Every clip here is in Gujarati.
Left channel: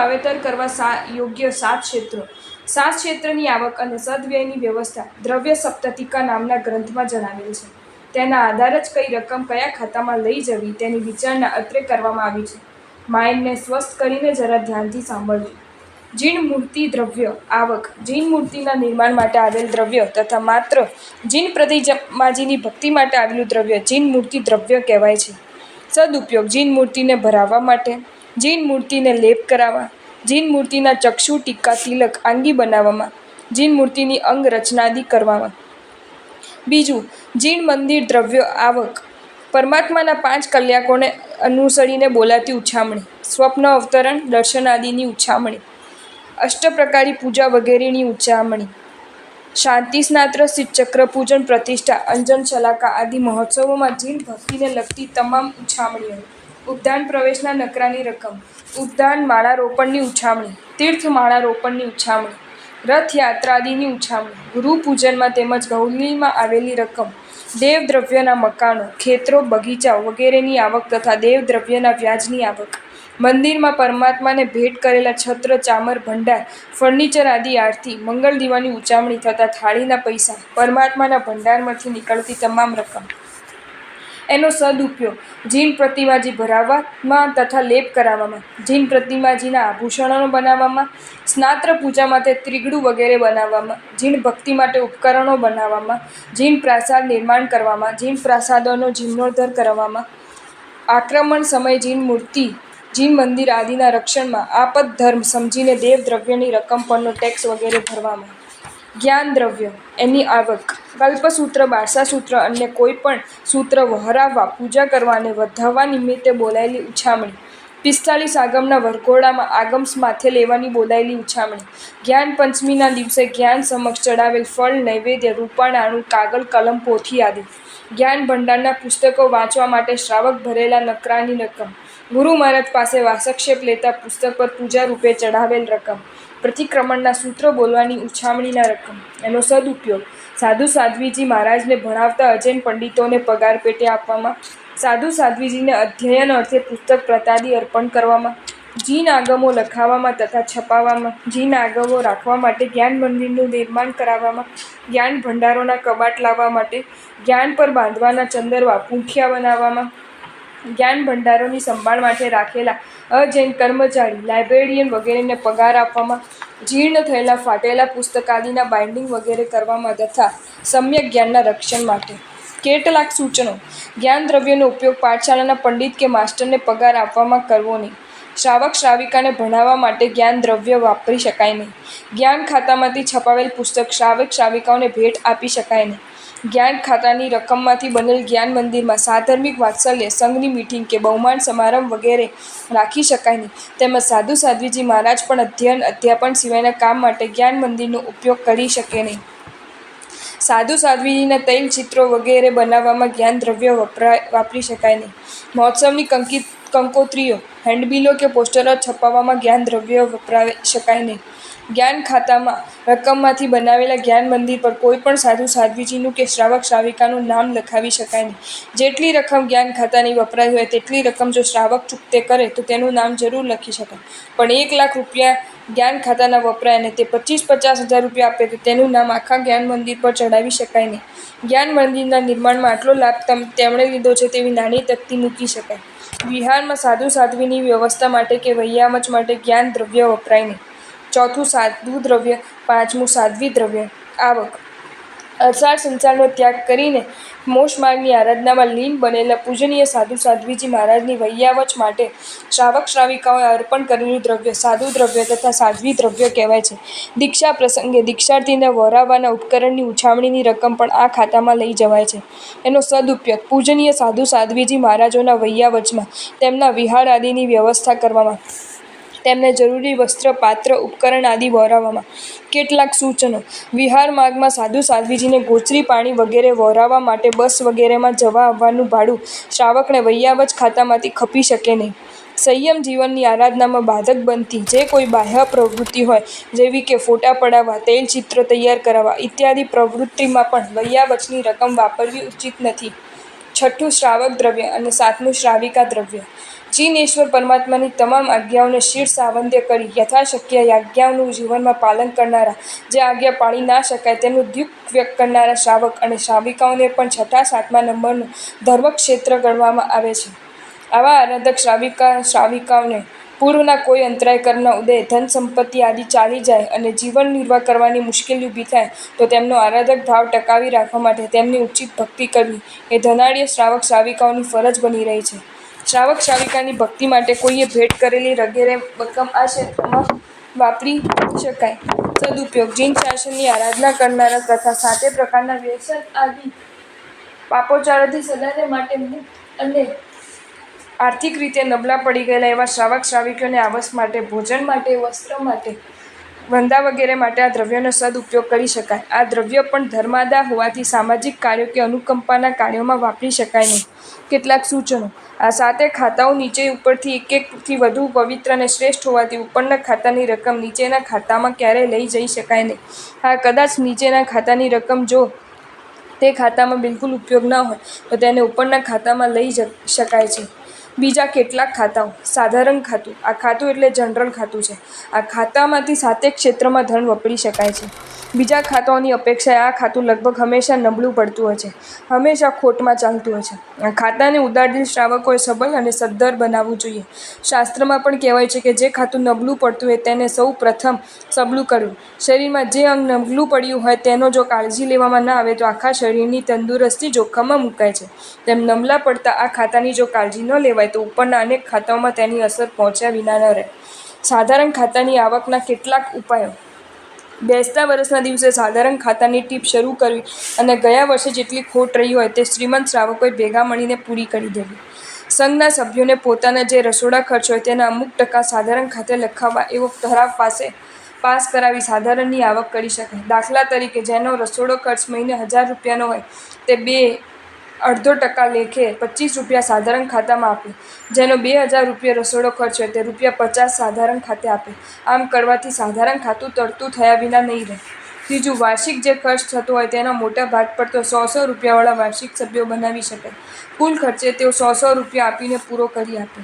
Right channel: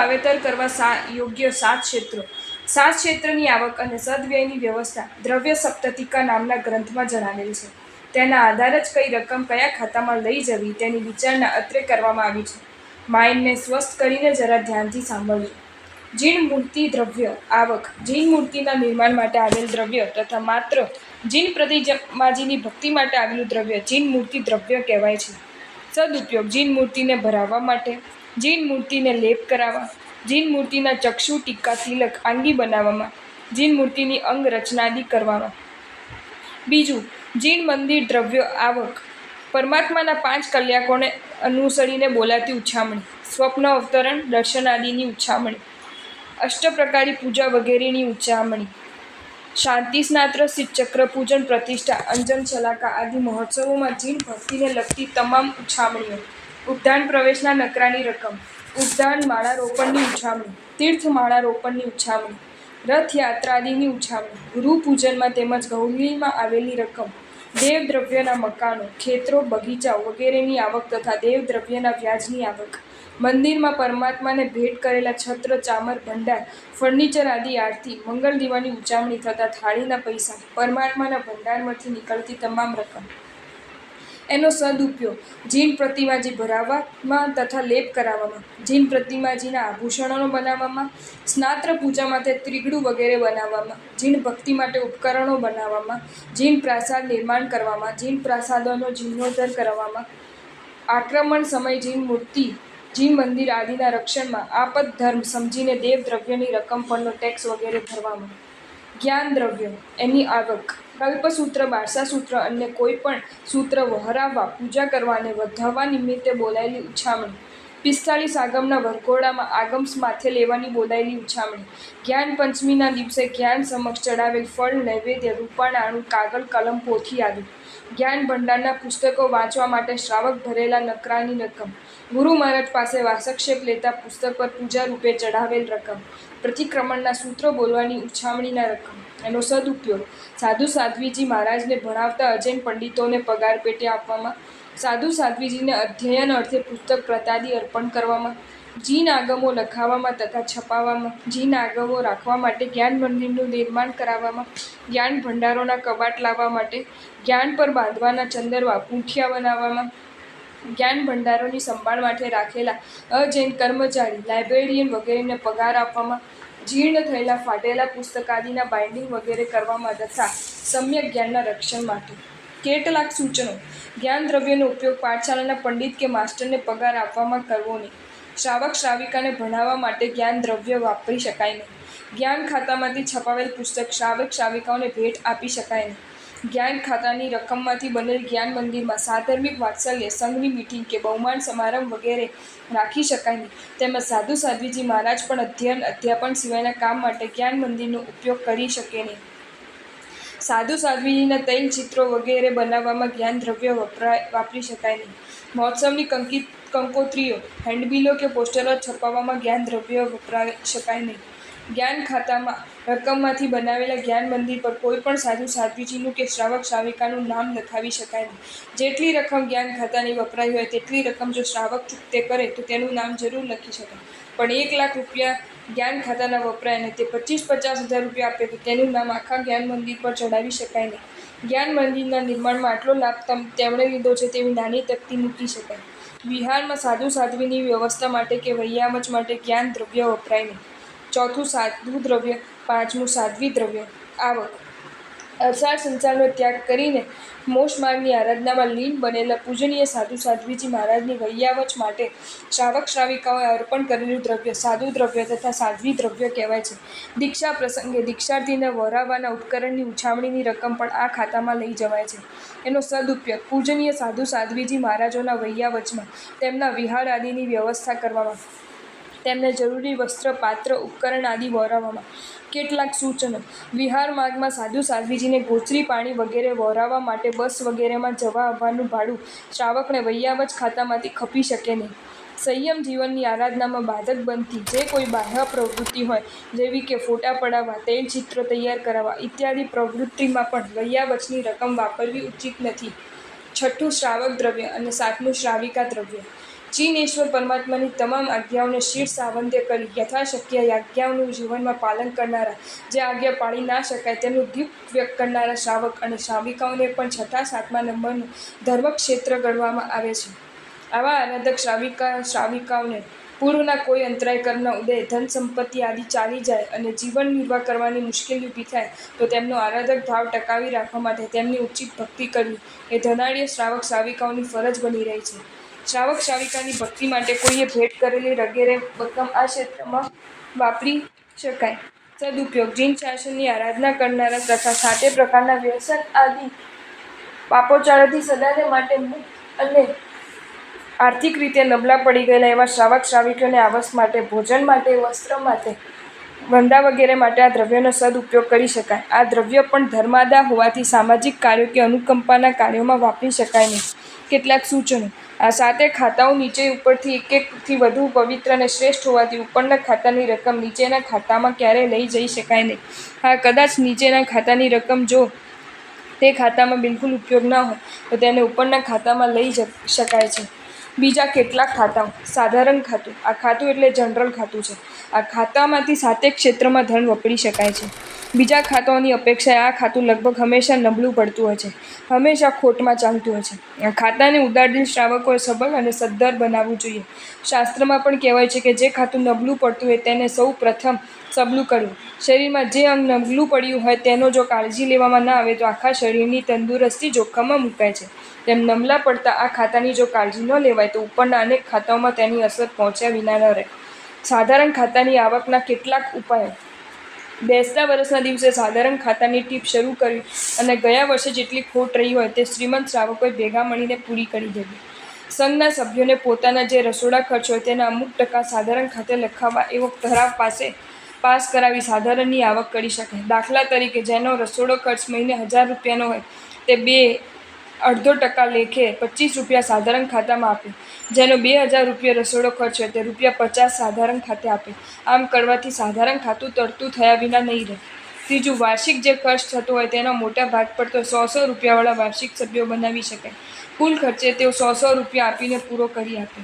વાવેતર કરવા યોગ્ય 7 ક્ષેત્રો. 7 ક્ષેત્રની આવક અને સદવ્યયની વ્યવસ્થા દ્રવ્ય સપ્તતિકા નામના ગ્રંથમાં જણાવેલ છે. તેના આધારે જ કઈ રકમ કયા ખાતામાં લઈ જવી તેની વિચારણા અત્રે કરવામાં આવી છે. માઇન્ડને સ્વસ્થ કરીને જરા ધ્યાનથી સાંભળજો. જીન મૂર્તિ દ્રવ્ય આવક. જીન મૂર્તિના નિર્માણ માટે આવેલ દ્રવ્ય તથા માત્ર જીન પ્રતિમાજીની ભક્તિ માટે આવેલું દ્રવ્ય જીન મૂર્તિ દ્રવ્ય કહેવાય છે. સદુપયોગ. જીન મૂર્તિને ભરાવવા માટે, જીન મૂર્તિને લેપ કરાવવા, જીન મૂર્તિના ચક્ષુ, ટીકા, તિલક, આંગી બનાવવામાં, જીન મૂર્તિની અંગ રચનાદિ કરવામાં. બીજું, જીન મંદિર દ્રવ્ય આવક. પરમાત્માના 5 કલ્યાકોને અનુસરીને બોલાતી ઉછામણી, સ્વપ્ન અવતરણ, દર્શનાદિની ઉછામણી, અષ્ટપ્રકારી પૂજા વગેરેની ઉછામણી, શાંતિ સ્નાત્ર, ચક્ર પૂજન, પ્રતિષ્ઠા, અંજન શલાકા આદિ મહોત્સવોમાં જીન ભક્તિને લગતી તમામ ઉછામણીઓ. ઉદ્યાન પ્રવેશના નકરાની રકમ, ઉદ્યાન માળારોપણની ઉછામણી, તીર્થ માળારોપણની ઉછામણી, રથયાત્રાદિની ઉછામણી, ગૃહ પૂજનમાં તેમજ ગૌલીમાં આવેલી રકમ, દેવદ્રવ્યના મકાનો, ખેતરો, બગીચાઓ વગેરેની આવક તથા દેવદ્રવ્યના વ્યાજની આવક. મંદિરમાં પરમાત્માને ભેટ કરેલા છત્ર, ચામર, ભંડાર, ફર્નિચર આદિ આરતી, મંગળ દીવાની ઉછામણી થતા થાળીના પૈસા, પરમાત્માના ભંડારમાંથી નીકળતી તમામ રકમ. એનો સદુપયોગ જીન પ્રતિમાજી ભરાવવામાં તથા લેપ કરાવવામાં, જીન પ્રતિમાજીના આભૂષણો બનાવવામાં, સ્નાત્ર પૂજા માટે ત્રિગડુ વગેરે બનાવવામાં, જીન ભક્તિ માટે ઉપકરણો બનાવવામાં, જીન પ્રાસાદ નિર્માણ કરવામાં, જીન પ્રાસાદોનો જીર્ણોદ્ધાર કરવામાં, આક્રમણ સમયે જીન મૂર્તિ, જીન મંદિર આદિના રક્ષણમાં આપદ્ધર્મ સમજીને દેવદ્રવ્યની રકમ પરનો ટેક્સ વગેરે ભરવામાં. જ્ઞાન દ્રવ્ય, એની આવક. કલ્પસૂત્ર, બારસાસૂત્ર અન્ય કોઈ પણ સૂત્ર વહરાવવા, પૂજા કરવા અને વધાવવા નિમિત્તે બોલાયેલી ઉછામણી. 45 આગમના વરઘોડામાં આગમ માથે લેવાની બોલાયેલી ઉછામણી. જ્ઞાન પંચમીના દિવસે જ્ઞાન સમક્ષ ચડાવેલ ફળ, નૈવેદ્ય, રૂપાણાનું, કાગળ, કલમ, પોથી આદિ. જ્ઞાન ભંડારના પુસ્તકો વાંચવા માટે શ્રાવક ભરેલા નકરાની રકમ. ગુરુ મહારાજ પાસે વાસક્ષેપ લેતા પુસ્તક પર પૂજા રૂપે ચઢાવેલ રકમ. પ્રતિક્રમણના સૂત્ર બોલવાની ઉછામણીના રકમ. એનો સદુપયોગ. સાધુ સાધ્વીજી મહારાજને ભણાવતા અજૈન પંડિતોને પગાર પેટે આપવામાં, સાધુ સાધ્વીજીને અધ્યયન અર્થે પુસ્તક પ્રતાદિ અર્પણ કરવામાં, જીન આગમો લખાવવામાં તથા છપાવવામાં, જીન આગમો રાખવા માટે જ્ઞાન મંદિરનું નિર્માણ કરાવવામાં, જ્ઞાન ભંડારોના કબાટ લાવવા માટે, જ્ઞાન પર બાંધવાના ચંદરવા, પૂંઠિયા બનાવવામાં, જ્ઞાન ભંડારોની સંભાળ માટે રાખેલા અજૈન કર્મચારી, લાઇબ્રેરિયન વગેરેને પગાર આપવામાં, જીર્ણ થયેલા ફાટેલા પુસ્તકાદિના બાઇન્ડિંગ વગેરે કરવામાં તથા સમ્યક જ્ઞાનના રક્ષણ માટે. કેટલાક સૂચનો. જ્ઞાન દ્રવ્યનો ઉપયોગ પાઠશાળાના પંડિત કે માસ્ટરને પગાર આપવામાં કરવો નહીં. શ્રાવક શ્રાવિકાને ભણાવવા માટે જ્ઞાન દ્રવ્ય વાપરી શકાય નહીં. જ્ઞાન ખાતામાંથી છપાવેલ પુસ્તક શ્રાવક શ્રાવિકાઓને ભેટ આપી શકાય નહીં. જ્ઞાન ખાતાની રકમમાંથી બનેલ જ્ઞાન મંદિરમાં સાધર્મિક વાત્સલ્ય, સંઘની મીટિંગ કે બહુમાન સમારંભ વગેરે રાખી શકાય નહીં. તેમજ સાધુ સાધ્વીજી મહારાજ પણ અધ્યયન અધ્યાપન સિવાયના કામ માટે જ્ઞાન મંદિરનો ઉપયોગ કરી શકે નહીં. સાધુ સાધ્વીજીના તૈલ ચિત્રો વગેરે બનાવવામાં જ્ઞાન દ્રવ્ય વાપરી શકાય નહીં. મહોત્સવની કંકોત્રીઓ, હેન્ડબિલો કે પોસ્ટરો છપાવવામાં જ્ઞાન દ્રવ્ય વપરાઈ શકાય નહીં. જ્ઞાન ખાતામાં રકમમાંથી બનાવેલા જ્ઞાન મંદિર પર કોઈ પણ સાધુ સાધ્વીજીનું કે શ્રાવક શ્રાવિકાનું નામ લખાવી શકાય નહીં. જેટલી રકમ જ્ઞાન ખાતાની વપરાઈ હોય તેટલી રકમ જો શ્રાવક ચૂકતે કરે તો તેનું નામ જરૂર લખી શકાય. પણ 1 લાખ રૂપિયા જ્ઞાન ખાતાના વપરાય અને તે 25-50 હજાર રૂપિયા આપે તો તેનું નામ આખા જ્ઞાન મંદિર પર ચડાવી શકાય નહીં. જ્ઞાન મંદિરના નિર્માણમાં આટલો લાભ તેમણે લીધો છે તેવી નાની તકતી મૂકી શકાય. વિહારમાં સાધુ સાધ્વીની વ્યવસ્થા માટે કે વૈયામચ માટે જ્ઞાન દ્રવ્ય વપરાય નહીં. ચોથું, સાધુ દ્રવ્ય. પાંચમું, સાધ્વી દ્રવ્ય આવક. અસાર સંસારનો ત્યાગ કરીને મોક્ષ માર્ગની આરાધનામાં લીન બનેલા પૂજનીય સાધુ સાધ્વીજી મહારાજની વૈયાવચ માટે શ્રાવક શ્રાવિકાઓએ અર્પણ કરેલું દ્રવ્ય સાધુ દ્રવ્ય તથા સાધ્વી દ્રવ્ય કહેવાય છે. દીક્ષા પ્રસંગે દીક્ષાર્થીને વહોરાવવાના ઉપકરણની ઉછામણીની રકમ પણ આ ખાતામાં લઈ જવાય છે. એનો સદુપયોગ. પૂજનીય સાધુ સાધ્વીજી મહારાજોના વૈયાવચમાં તેમના વિહાર આદિની વ્યવસ્થા કરવામાં, તેમને જરૂરી વસ્ત્ર, પાત્ર, ઉપકરણ આદિ વહોરાવવામાં. કેટલાક સૂચનો. વિહાર માર્ગમાં સાધુ સાધ્વીજીને ગોચરી, પાણી વગેરે વહોરાવવા માટે બસ વગેરેમાં જવા આવવાનું ભાડું શ્રાવકને વૈયાવચ ખાતામાંથી ખપી શકે નહીં. સંયમ જીવનની આરાધનામાં બાધક બનતી જે કોઈ બાહ્ય પ્રવૃત્તિ હોય જેવી કે ફોટા પડાવવા, તૈલચિત્ર તૈયાર કરાવવા ઇત્યાદિ પ્રવૃત્તિમાં પણ વૈયાવચની રકમ વાપરવી ઉચિત નથી. છઠ્ઠું શ્રાવક દ્રવ્ય અને સાતમું શ્રાવિકા દ્રવ્ય. જીનેશ્વર પરમાત્માની તમામ આજ્ઞાઓને શીર્ષ સાવંદ્ય કરી યથાશક્ય આજ્ઞાઓનું જીવનમાં પાલન કરનારા, જે આજ્ઞા પાળી ના શકાય તેનું દુઃખ વ્યક્ત કરનારા શ્રાવક અને શ્રાવિકાઓને પણ છઠ્ઠા સાતમા નંબરનું ધર્મક્ષેત્ર ગણવામાં આવે છે. આવા આરાધક શ્રાવિકાઓને પૂર્વના કોઈ અંતરાય કર્મના ઉદય, ધન સંપત્તિ આદિ ચાલી જાય અને જીવન નિર્વાહ કરવાની મુશ્કેલી ઊભી થાય તો તેમનો આરાધક ભાવ ટકાવી રાખવા માટે તેમની ઉચિત ભક્તિ કરવી એ ધનાઢ્ય શ્રાવક શ્રાવિકાઓની ફરજ બની રહી છે. શ્રાવક શ્રાવિકાની ભક્તિ માટે કોઈએ ભેટ કરેલી વગેરે રકમ આ ક્ષેત્રમાં વાપરી શકાય. સદુપયોગ: જીન શાસનની આરાધના કરનારા તથા 7 પ્રકારના વ્યસન આદિ પાપોચારોથી સદાને માટે મુક્ત અને આર્થિક રીતે નબળા પડી ગયેલા એવા શ્રાવક શ્રાવિકોને આવાસ માટે, ભોજન માટે, વસ્ત્ર માટે, ધંધા વગેરે માટે આ દ્રવ્યોનો સદુપયોગ કરી શકાય. આ દ્રવ્ય પણ ધર્માદા હોવાથી સામાજિક કાર્યો કે અનુકંપાના કાર્યોમાં વાપરી શકાય નહીં. કેટલાક સૂચનો: આ 7 ખાતાઓ નીચે ઉપરથી એક-એકથી વધુ પવિત્ર અને શ્રેષ્ઠ હોવાથી ઉપરના ખાતાની રકમ નીચેના ખાતામાં ક્યારેય લઈ જઈ શકાય નહીં. હા, કદાચ નીચેના ખાતાની રકમ જો તે ખાતામાં બિલકુલ ઉપયોગ ન હોય તો તેને ઉપરના ખાતામાં લઈ શકાય છે. બીજા કેટલાક ખાતાઓ: સાધારણ ખાતું: આ ખાતું એટલે જનરલ ખાતું છે. આ ખાતામાંથી 7 ક્ષેત્રમાં ધન વાપરી શકાય છે. બીજા ખાતાઓની અપેક્ષાએ આ ખાતું લગભગ હંમેશા નબળું પડતું હોય છે, હંમેશા ખોટમાં ચાલતું હોય છે. આ ખાતાને ઉદારદિલ શ્રાવકોએ સબળ અને સદ્ધર બનાવવું જોઈએ. શાસ્ત્રમાં પણ કહેવાય છે કે જે ખાતું નબળું પડતું હોય તેને સૌ પ્રથમ સબળું કરવું. શરીરમાં જે અંગ નબળું પડ્યું હોય તેનો જો કાળજી લેવામાં ન આવે તો આખા શરીરની તંદુરસ્તી જોખમમાં મુકાય છે. તેમ નબળા પડતા આ ખાતાની જો કાળજી ન લેવાય તો ઉપરના અનેક ખાતાઓમાં તેની અસર પહોંચ્યા વિના ન રહે. સાધારણ ખાતાની આવકના કેટલાક ઉપાયો: બેસતા વર્ષના દિવસે સાધારણ ખાતાની ટીપ શરૂ કરવી અને ગયા વર્ષે જેટલી ખોટ રહી હોય તે શ્રીમંત શ્રાવકોએ ભેગા મળીને પૂરી કરી દેવી. સંઘના સભ્યોને પોતાના જે રસોડા ખર્ચ હોય તેના અમુક ટકા સાધારણ ખાતે લખાવવા એવો ઠરાવ પાસ કરાવી સાધારણની આવક કરી શકાય. દાખલા તરીકે, જેનો રસોડો ખર્ચ મહિને 1000 રૂપિયાનો હોય તે 2.5% લેખે 25 રૂપિયા સાધારણ ખાતામાં આપે. જેનો 2000 રૂપિયા રસોડો ખર્ચ હોય તે ₹50 સાધારણ ખાતે આપે. આમ કરવાથી સાધારણ ખાતું તરતું થયા વિના નહીં રહે. ત્રીજું, વાર્ષિક જે ખર્ચ થતો હોય તેનો મોટા ભાગ પર તો 100 રૂપિયાવાળા વાર્ષિક સભ્યો બનાવી શકાય. કુલ ખર્ચે તેઓ 100 રૂપિયા આપીને પૂરો કરી આપે.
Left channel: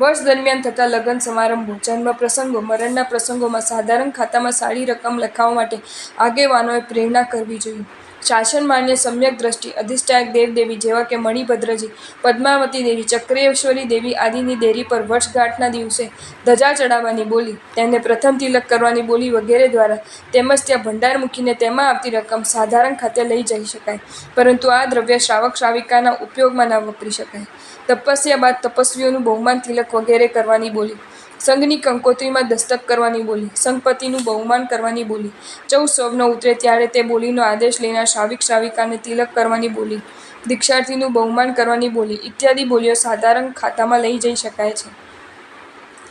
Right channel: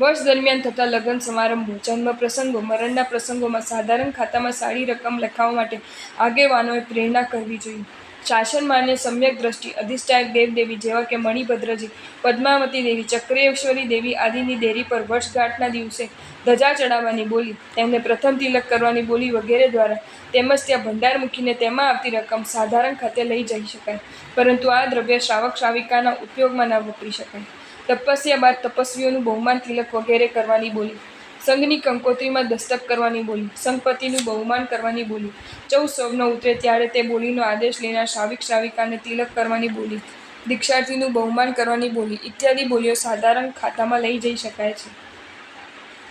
વર્ષ દરમિયાન થતા લગ્ન સમારંભો, જન્મ પ્રસંગો, મરણના પ્રસંગોમાં સાધારણ ખાતામાં સારી રકમ લખાવવા માટે આગેવાનોએ પ્રેરણા કરવી જોઈએ. શાસન માન્ય સમ્યક દ્રષ્ટિ અધિષ્ઠાયક દેવદેવી જેવા કે મણિભદ્રજી, પદ્માવતી દેવી, ચક્રેશ્વરી દેવી આદિની દેરી પર વર્ષગાંઠના દિવસે ધજા ચડાવવાની બોલી, તેમને પ્રથમ તિલક કરવાની બોલી વગેરે દ્વારા તેમજ ત્યાં ભંડાર મૂકીને તેમાં આવતી રકમ સાધારણ ખાતે લઈ જઈ શકાય. પરંતુ આ દ્રવ્ય શ્રાવક શ્રાવિકાના ઉપયોગમાં ન વાપરી શકાય. તપસ્યા બાદ તપસ્વીઓનું બહુમાન તિલક વગેરે કરવાની બોલી, સંઘની કંકોત્રીમાં દસ્તક કરવાની બોલી, સંઘપતિનું બહુમાન કરવાની બોલી, 14 સૌન ઉતરે ત્યારે તે બોલીનો આદેશ લેનાર શ્રાવિક શ્રાવિકાને તિલક કરવાની બોલી, દીક્ષાર્થીનું બહુમાન કરવાની બોલી ઇત્યાદિ બોલીઓ સાધારણ ખાતામાં લઈ જઈ શકાય છે.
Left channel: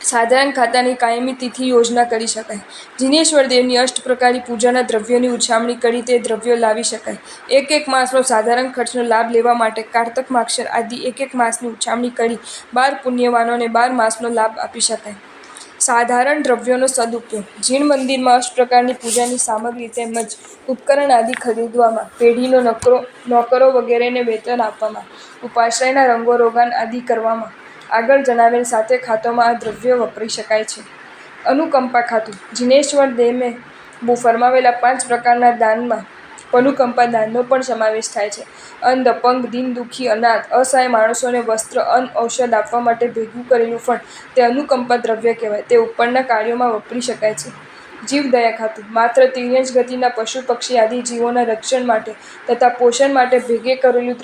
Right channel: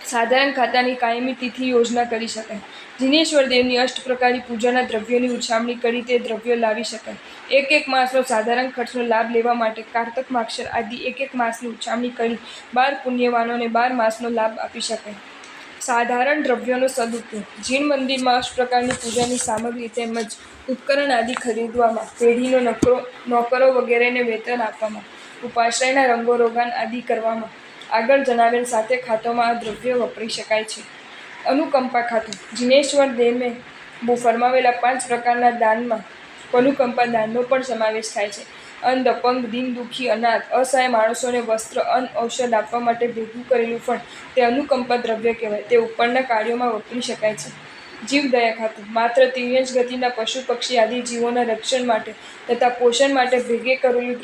સાધારણ ખાતાની કાયમી તિથિ યોજના કરી શકાય. જીનેશ્વર દેવની અષ્ટપ્રકારી પૂજાના દ્રવ્યોની ઉછામણી કરી તે દ્રવ્યો લાવી શકાય. એક માસનો સાધારણ ખર્ચનો લાભ લેવા માટે કારતક માગશર આદિ એક માસની ઉછામણી કરી 12 પુણ્યવાનોને 12 માસનો લાભ આપી શકાય. સાધારણ દ્રવ્યોનો સદુપયોગ: જીણ મંદિરમાં અષ્ટપ્રકારની પૂજાની સામગ્રી તેમજ ઉપકરણ આદિ ખરીદવામાં, પેઢીનો નોકરો વગેરેને વેતન આપવામાં, ઉપાશ્રયના રંગો રોગાન આદિ કરવામાં આગળ જણાવેલ 7 ખાતાઓમાં આ દ્રવ્યો વાપરી શકાય છે. અનુકંપા ખાતું: જીનેશ્વર દેવે ફરમાવેલા 5 પ્રકારના દાનમાં અનુકંપા દાનનો પણ સમાવેશ થાય છે. અંધ, અપંગ, દીન દુઃખી, અનાથ, અસહાય માણસોને વસ્ત્ર, અન્ન, ઔષધ આપવા માટે ભેગું કરેલું ફંડ તે અનુકંપા દ્રવ્ય કહેવાય. તે ઉપરના કાર્યોમાં વાપરી શકાય છે. જીવદયા ખાતું: માત્ર તિર્યંચ ગતિના પશુ પક્ષી આદિ જીવોના રક્ષણ માટે તથા પોષણ માટે ભેગે કરેલું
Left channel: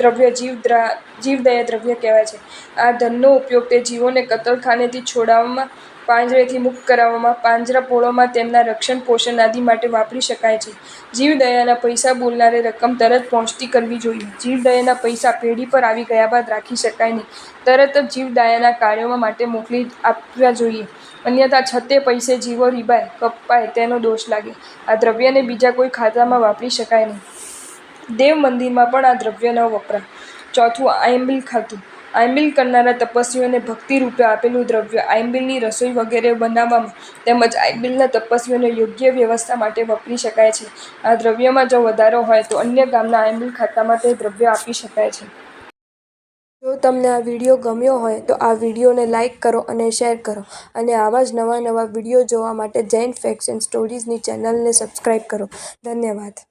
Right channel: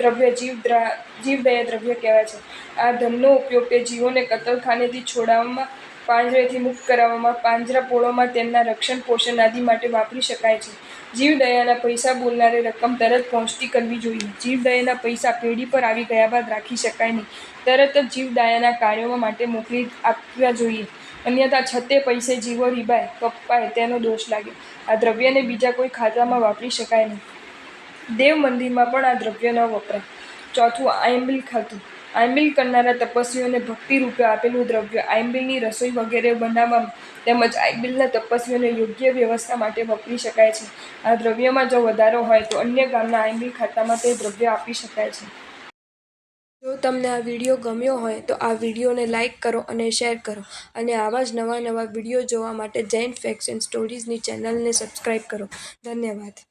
દ્રવ્ય જીવદયા દ્રવ્ય કહેવાય છે. આ ધનનો ઉપયોગ તે જીવોને કતલખાનેથી છોડાવવામાં, પાંજરેથી મુક્ત કરાવવામાં, પાંજરાપોળોમાં તેમના રક્ષણ પોષણ આદિ માટે વાપરી શકાય છે. જીવદયાના પૈસા બોલનારે રકમ તરત પહોંચતી કરવી જોઈએ. જીવદયાના પૈસા પેઢી પર આવી ગયા બાદ રાખી શકાય નહીં. તરત જ જીવદયાના કાર્યો માટે મોકલી આપવા જોઈએ. અન્યથા છતે પૈસે જીવો રીબાય, કપાય તેનો દોષ લાગે. આ દ્રવ્યને બીજા કોઈ ખાતામાં વાપરી શકાય નહીં. દેવ મંદિરમાં પણ આ દ્રવ્ય ન વપરાય. ચોથું, આયંબિલ ખાતું: આયંબિલ કરનારા તપસ્વીઓને ભક્તિરૂપે આપેલું દ્રવ્ય આયંબિલની રસોઈ વગેરે બનાવવામાં તેમજ આયંબિલના તપસ્વીઓને યોગ્ય વ્યવસ્થા માટે વાપરી શકાય છે. આ દ્રવ્યમાં જો વધારો હોય તો અન્ય ગામના આયંબિલ ખાતામાં તે દ્રવ્ય આપી શકાય છે. જો તમને આ વિડીયો ગમ્યો હોય તો આ વિડીયોને લાઇક કરો અને શેર કરો અને આવા જ નવા વિડીયો જોવા માટે જૈન ફેક્ટ્સ એન્ડ સ્ટોરીઝની ચેનલને સબસ્ક્રાઈબ કરો. ધન્યવાદ.